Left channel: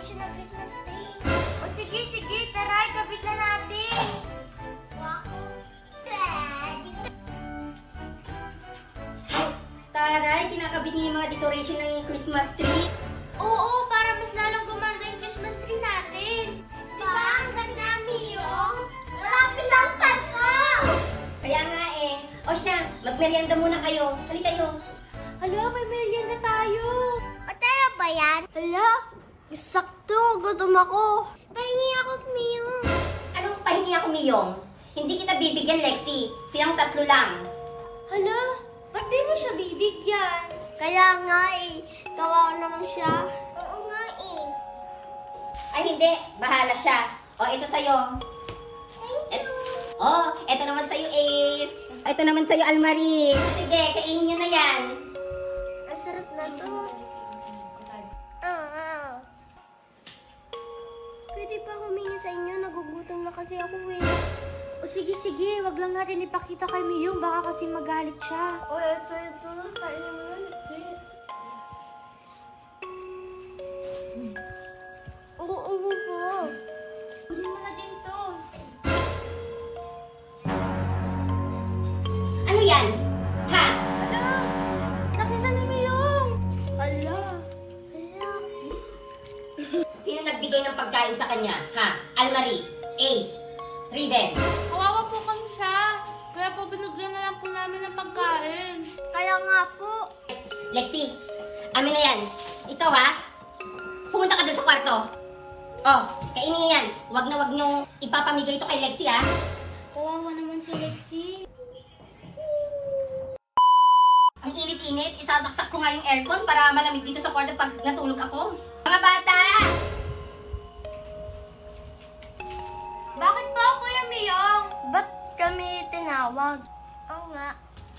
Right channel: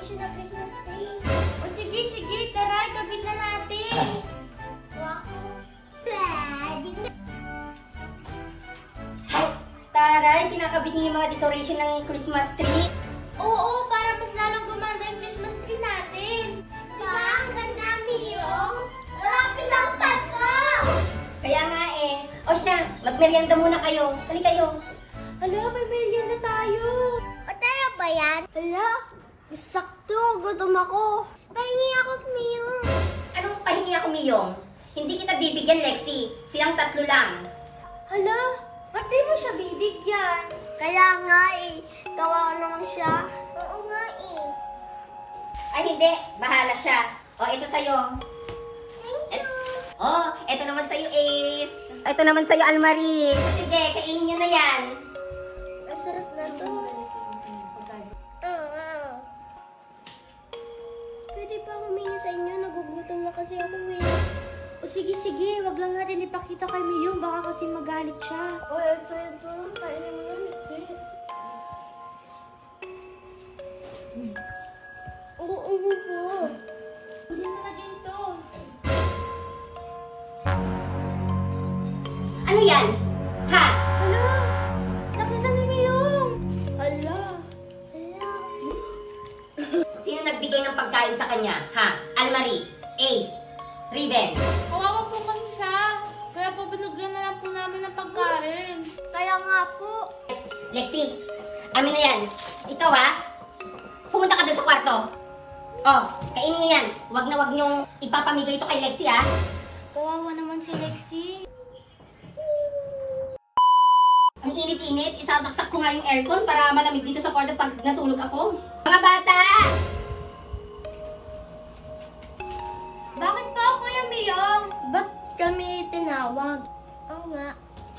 decoration ng Christmas tree. O sige, sige, tara, ikabit na natin. Taray, kinakabit niyo yung mga decoration ng Christmas tree. Oo, para mas lalong gumanda yung Christmas tree natin. Diba? Ang ganda, Mio. Malapit ang Pasko! Kaya nga eh. O siya, magmerienda muna kayo. Hali kayo. Hala, may merienda tayo. Patara ba yan? Hala, sakto. Gutom ako. Pahingi ako, Mio. Anong pahingi ako, Miyong? Hindi kita bibigyan, Lexi. Silang tatlo lang. Hala, ba't di mo siya bibigyan? Kaya nga eh. Kawawa naman siya. Oo nga eh. Ay, hindi. Bahala siya. O, ito sa'yo. Thank you. Oh, ito naman sa'yo, Ace. Ito naman sa'yo, Almarie. Sige, kainin nyo na yan. Ang sarap na to. Pwede pa humingi sa inyo. Nagugutom na kasi ako eh. O sige, sige. Wag lang natin ipakita kay Miyong. Baka kasi magalit siya. O, ito. Kainin mo yan. Oo po. Kunin mo na din to. Ano yan? Ha? Hala! Nakita ni Miyong! Hala! Sino nagbigay ng pagkain sa kanya? Ha? Almarie, Ace, Riven. Kawawa po kami siya. Kaya po binigyan na lang po namin ng pagkain. Kaya nga po. Lexi, amin na yan. Ikaw ha? Pumunta ka dun sa kwarto. Oh, kainin nyo yan. Wag na wag nyong ipapamigay ito kay Lexi ha. Kawawa naman si Lexi. Ang init-init, isasaksak ko nga yung aircon para malamig dito sa kwarto pag natulog ako. Mga bata! Bakit po, Kuya Miyong? Ba't kami tinawag? Oo nga.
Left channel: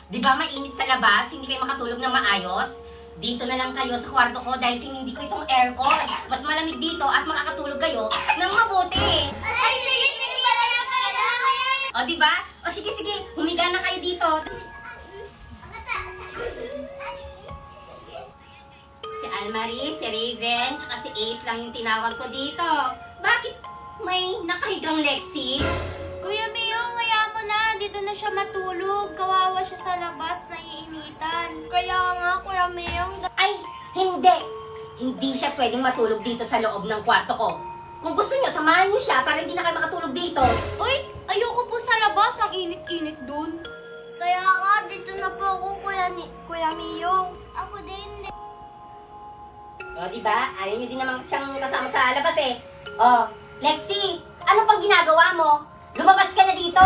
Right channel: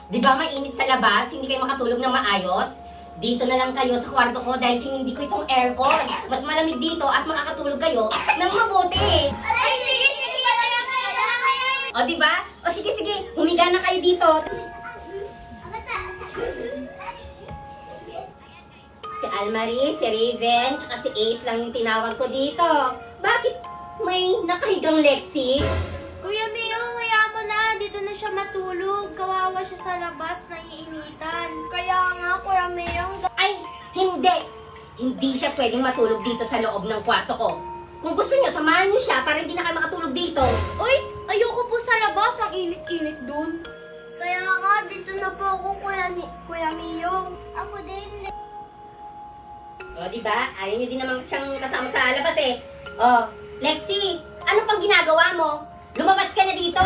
Di ba mainit sa labas? Hindi kayo makatulog ng maayos? Dito na lang kayo sa kwarto ko dahil sinindi ko itong aircon. Mas malamig dito at makakatulog kayo ng mabuti. Ay, sige, O, di ba? O, sige, sige. Humiga na kayo dito. Si Almarie, si Raven, tsaka si Ace lang yung tinawag ko dito. Bakit may nakahigang Lexi? Kuya Miyong, kaya mo na. Dito na siya matulog. Kawawa siya sa labas, naiinitan. Kaya nga, Kuya Miyong. Ay, hindi! Hindi siya pwedeng matulog dito sa loob ng kwarto ko. Kung gusto niyo, samahan niyo siya para hindi na kayo makatulog dito. Uy, ayoko po sa labas. Ang init-init dun. Kaya nga, dito na po ako, Kuya Miyong. Ako din. O, diba? Ayaw niyo din naman siyang kasama sa labas eh. O, Lexi, ano pang ginagawa mo? Lumabas ka na dito!